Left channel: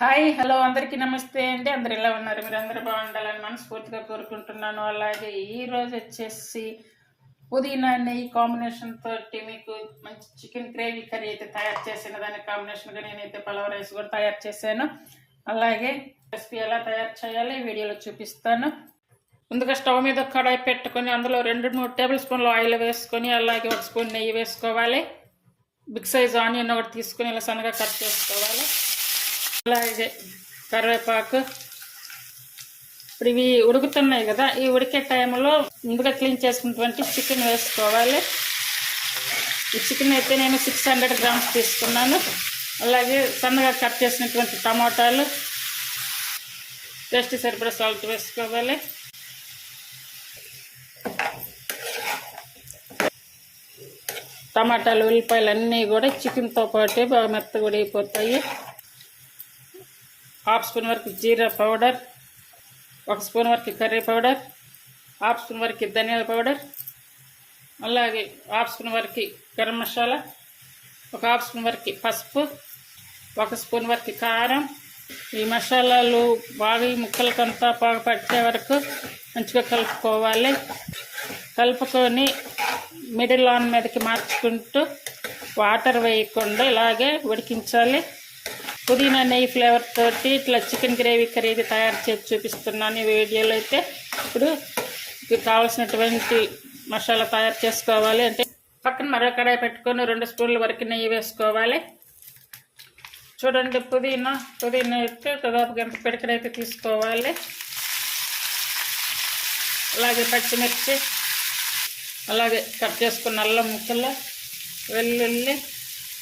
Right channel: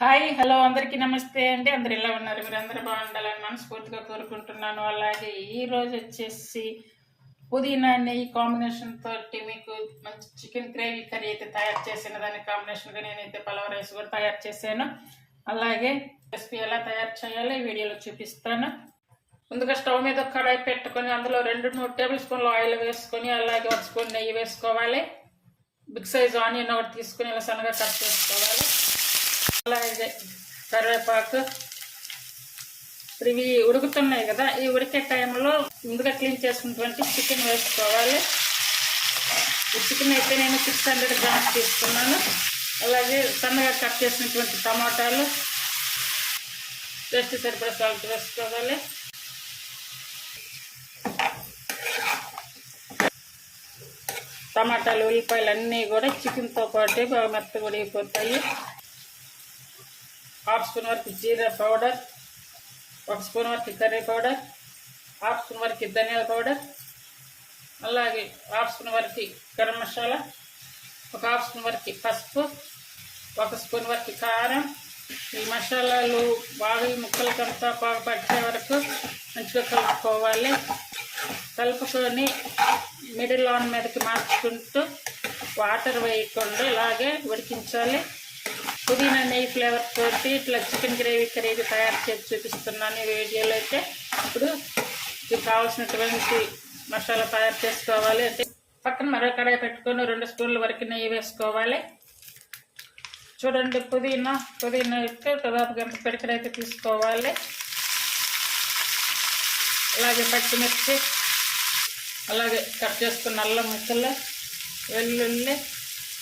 Hi hello అందరికీ నమస్తే అండి. అందరు ఎలా ఉన్నారు? మీరు అందరూ బాగుండాలని మనస్ఫూర్తిగా కోరుకుంటున్నాను. అలాగే ఈరోజు వచ్చేసి పుదీనా నెయ్యి కాంబినేషన్ తోటి మీకు మంచి చికెన్ గ్రేవీ కర్రీ అయితే తయారు చేసిన దాని కాంబినేషన్గా నేనైతే పలావ్ రైస్ కూడా తయారు చేశాను. అలాగే రెసిపీ ఎలా తయారు చేయాలో ఈ వీడియోలో చూపిస్తాను. ముందుగా స్టవ్ మీద కడాయి పెట్టుకొని అందులో రెండు మూడు టేబుల్ స్పూన్లు ఆయిల్ వేసుకొని అలాగే ఒక స్పూన్ నెయ్యి వేసుకోవాలి. బిగ్ సైజ్ ఆనియన్ ఒకటి తీసుకొని ఇలా సన్నగా కట్ చేసుకోవాలి. అలాగే కరివేపాకు. ఇప్పుడు ఇవి ఉడుకుతున్నాయి కదా ఈ ఉడికే టైంలో ముందుగా క్లీన్ చేసుకున్నటువంటి చికెన్ వేసుకోవాలి. ఈ చికెన్ అయితే నేను సిక్స్ హండ్రెడ్ గ్రామ్స్ తీసుకున్నాను. అలాగే సన్నగా కట్ చేసినటువంటి టమాటాలు టేస్ట్ సరిపడా సాల్ట్ వేసుకోవాలి. టమాటాలు ఉల్లిపాయలు అన్నీ కూడా చికెన్తో పాటు బాగా మెత్తగా ఉడిగిపోతాయి హాఫ్ స్పూన్ వరకు జీరా పౌడర్ ఒక స్పూన్ వరకు కర్రీ పౌడర్ హాఫ్ స్పూన్ వరకు ధనియాల పౌడర్ అలాగే హాఫ్ స్పూన్ వరకు గరం మసాలా ఒక హాఫ్ స్పూన్ వరకు పసుపు ఒక స్పూన్ వరకు కారం. ఈ మసాలాలు బాగా ఈ ముక్కలకంతా బాగా పట్టే వరకు మంచిగా కలుపుకోవాలి. కలుపుకొని మిడిల్ ఆన్ మీదకి మార్చుకుంటూ వాటర్ వేయకుండా ఇలాగే ఉడికించాలి. పుదీనా నెయ్యి ఫ్లేవర్ తోటి ఇట్లా చికెన్ గ్రేవీ కర్రీ తయారు చేసి చూపిస్తున్నాను ఈ వీడియోలో అయితే. ఇప్పుడు ఇది కావాల్సినటువంటి మసాలా తయారు చేసుకోవాలి. అంటే పక్కన మరో కడాయి పెట్టుకొని రెండు స్పూన్ల వరకు నెయ్యి వేసుకోవాలి. చూడండి పుదీనా పుదీనా అయితే దాదాపు ఎంత పిడకడైతే తీసుకోవాలి. అలాగే పచ్చిమిర్చి అలాగే కట్ చేసుకున్న అల్లం ముక్కలు వెల్లుల్లి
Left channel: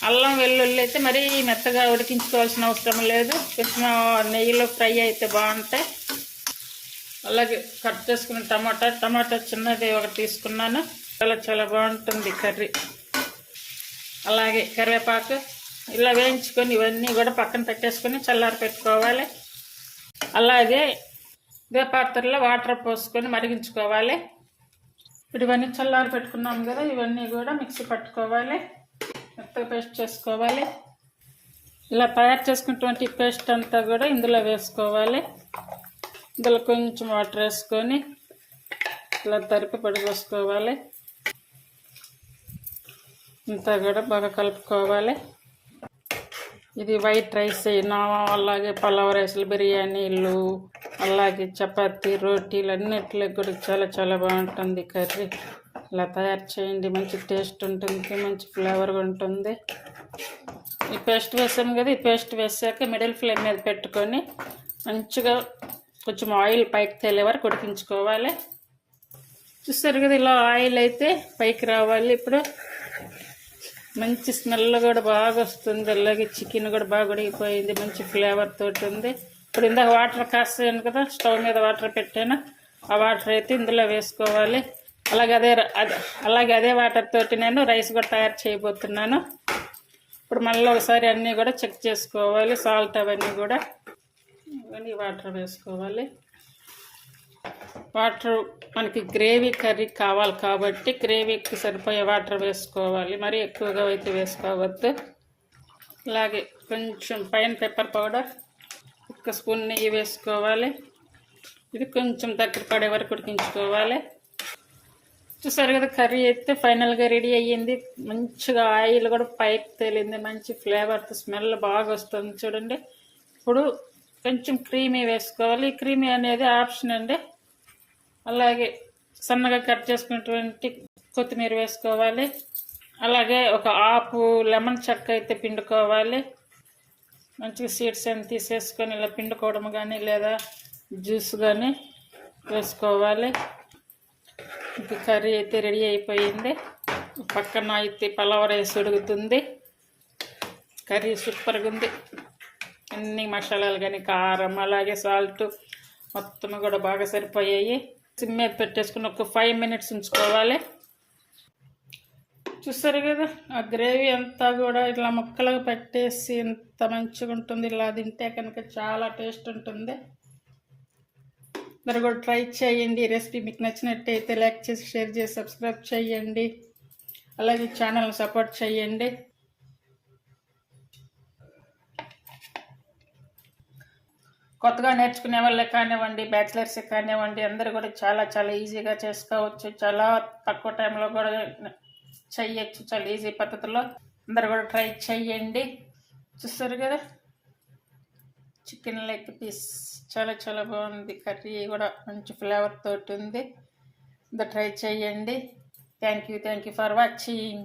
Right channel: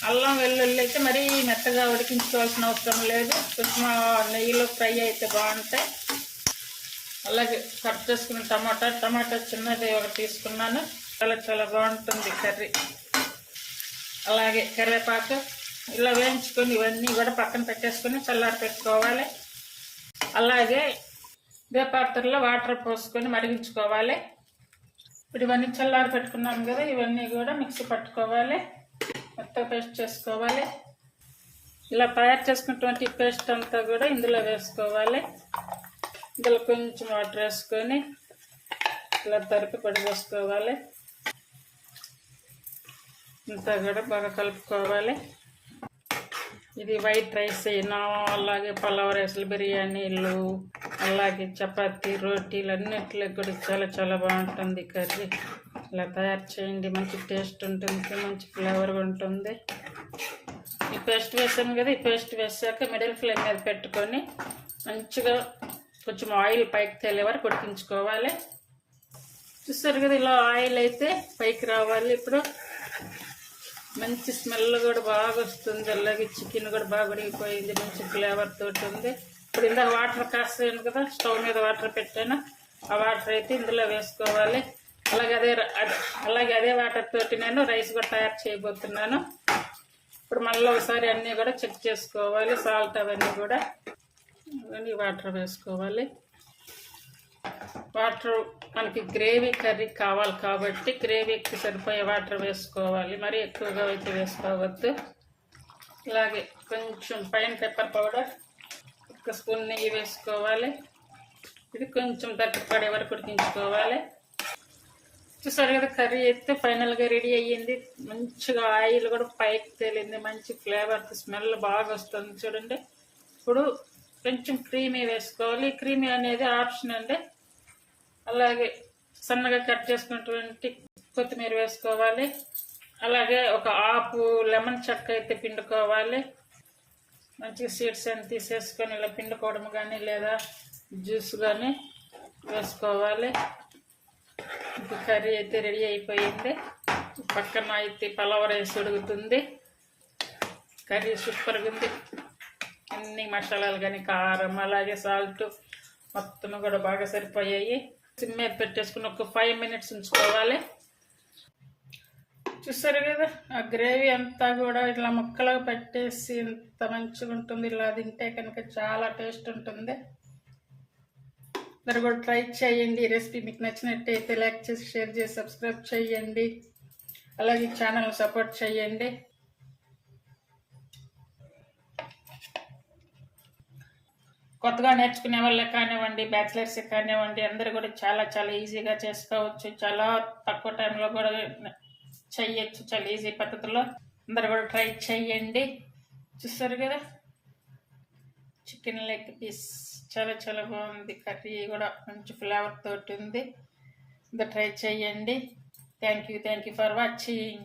అల్లం వెల్లుల్లి అయితే మరీ మెత్తగా ఉడికించుకోవాల్సిన అవసరం లేదు. కొంచెం నెయ్యిలో ఫ్రై అయితే బాగుంటాయి. అలాగే కట్ చేసుకున్న టమాటా టమాటా చిన్నది ఒకటి తీసుకున్నాను. చాలా చాలా బాగుంటుంది కర్రీ. అలాగే కరివేపాకు ఇలా వేయించుకొని ఇవన్నీ కూడా పక్కన పెట్టేసుకొని చల్లారి పెట్టుకోవాలి. అలాగే ఇదే పాత్రలో వాటర్ పోసుకొని మరిగించుకోవాలి. ఇప్పుడు ఇవన్నీ చల్లారి పెట్టుకున్నాం కదా ఇవన్నీ కూడా మిక్సీ పట్టుకోవాలి. మెత్తగా పేస్ట్ చేసుకోవాలి. ఇలా తయారు చేసుకున్నటువంటి పేస్ట్ అంతా కూడా ఇందులో వేసుకోవాలి. ఇందులో కొంచెం వాటర్ వేసుకొని ఇలా తరిపి పడిపోసుకోవాలి ఇంతా కూడా బాగా కలుపుకోవాలి. ఇది వైట్ రైస్ అయినా అలాగే పలావ్ రైస్లు బిర్యానీలు అలాగే చపాతీ రోటీలు అన్నిట్లో కూడా చాలా చాలా బాగుంటుంది కర్రీ. ఇలా తయారు చేయండి. మంచి టేస్ట్ ఉంటుంది మంచి ఫ్లేవర్ ఉంటుంది. ఈ పేస్ట్ వేసాము కదా ఈ పేస్ట్ వేసాక మిడిల్ ఫ్లేమ్ మీద పెట్టుకొని మంచిగా కొంచెం ఆయిల్ పైకి తేలే వరకు ఉడికించుకోవాలి. చూస్తారు కదా ఇలా ఆయిల్ అయితే పైకి రావాలి. ఇప్పుడు మంచి స్మెల్ కూడా బాగా వస్తుంది. అలాగే చికెన్ కూడా బాగా ఉడిగిపోయింది మంచి ఫ్లేవర్ తోటి ఉంది. ఇప్పుడు ఇందాక వాటర్ కాస్తాను కదా స్టవ్ మీద వాటర్ పెట్టాను. ఆ వాటర్ అయితే ఇందులో వేసుకోవాలి. అలాగే అదే అదే అలాగే అదే వాటర్ తోటి నేను రైస్ కూడా తయారు చేయబోతున్నాను. ఇప్పుడు మళ్ళీ ఒకసారి అన్నీ కూడా చెక్ చేసుకోవాలి సాల్ట్ అవన్నీ కూడా. అవన్నీ వాటర్ వేసుకోవాలి. వాటర్ మనకి గ్రేవీ కర్రీ కావాలి కాబట్టి గ్రేవీకి సరిపోయే వాటర్ వేసుకోవాలి. మరి ఎక్కువగా అయితే వేసుకోవద్దు. అలాగే కొంచెం పైన పెప్పర్ పౌడర్ ఒక స్పూన్ నెయ్యి వేసుకోవాలి. ఇది కొంచెం దగ్గర పడే వరకు ఉడికించుకోవాలి. చూసారు కదా కర్రీ అయితే ఫైనల్గా రెడీ అయ్యింది. మంచిగా ఆయిల్ కూడా పైకి తేలింది. మంచి ఫ్లేవర్ స్మెల్ బాగా వస్తుంది చూడండి. ఇప్పుడు కొంచెం క్రీమీ వేసుకోవాలి. ఈ క్రీమీ అనేది ఆప్షన్ అండి. అలాగే సన్నగా కట్ చేసుకున్నటువంటి కొత్తిమీర వేసుకోవాలి. అలాగే ఒక ఆపు లెమన్ చెక్క అయితే పిండుకోవాలి. మంచిగా సీడ్స్ అని తీసేసుకొని ఇలా పిండుకోవడం కానీ లేదా జ్యూస్ కానీ వేసుకోవాలి. ఇది కర్రీ అయితే రెడీ అయిపోయింది. పక్కన అయితే పలావ్ రైస్ ఉడుకుతుంది. కర్రీ సూపర్గా ఉంది. అన్ని మసాలాలు కానీ కారం అలాగే సాల్ట్ మొత్తం కూడా బాగా సరిపోయాయి. సిమ్ మీద పెట్టేసుకుని ఒక ఫైవ్ మినిట్స్ ఉంచుకోవాలి. చూస్తారు కదా ఆ గ్రేవీ అంతా కూడా ఇట్లా ముక్కలకు పెట్టేసి ఇంత మంచిగా ఉంటుంది ఇలా తింటే కనుక చాలా టేస్ట్ ఉంటుంది. మీరు కూడా ట్రై చేయండి. రెసిపీ మీకు నచ్చినట్టయితే లైక్ చేసి షేర్ చేసి సబ్స్క్రైబ్ చేయండి. అలాగే ఛానల్ని సపోర్ట్ చేయండి. కొత్తగా నేర్చుకునే వాళ్ళే కానివ్వండి బ్యాచిలర్స్ కానివ్వండి అందరూ కూడా చాలా చాలా ఈజీగా చేసుకోవచ్చు. చాలా తక్కువ టైంలో కూడా చెయ్యొచ్చు చాలా ఈజీ పద్ధతిలో. అందరు కూడా ట్రై చేయండి. చూస్తారు కదా? చికెన్ లెగ్ పీస్ చాలా చాలా బాగుంది. కర్రీ కూడా మంచి ఫ్లేవర్ తోటి ఉంది. ట్రై చేయండి. Thank you thank you for watching.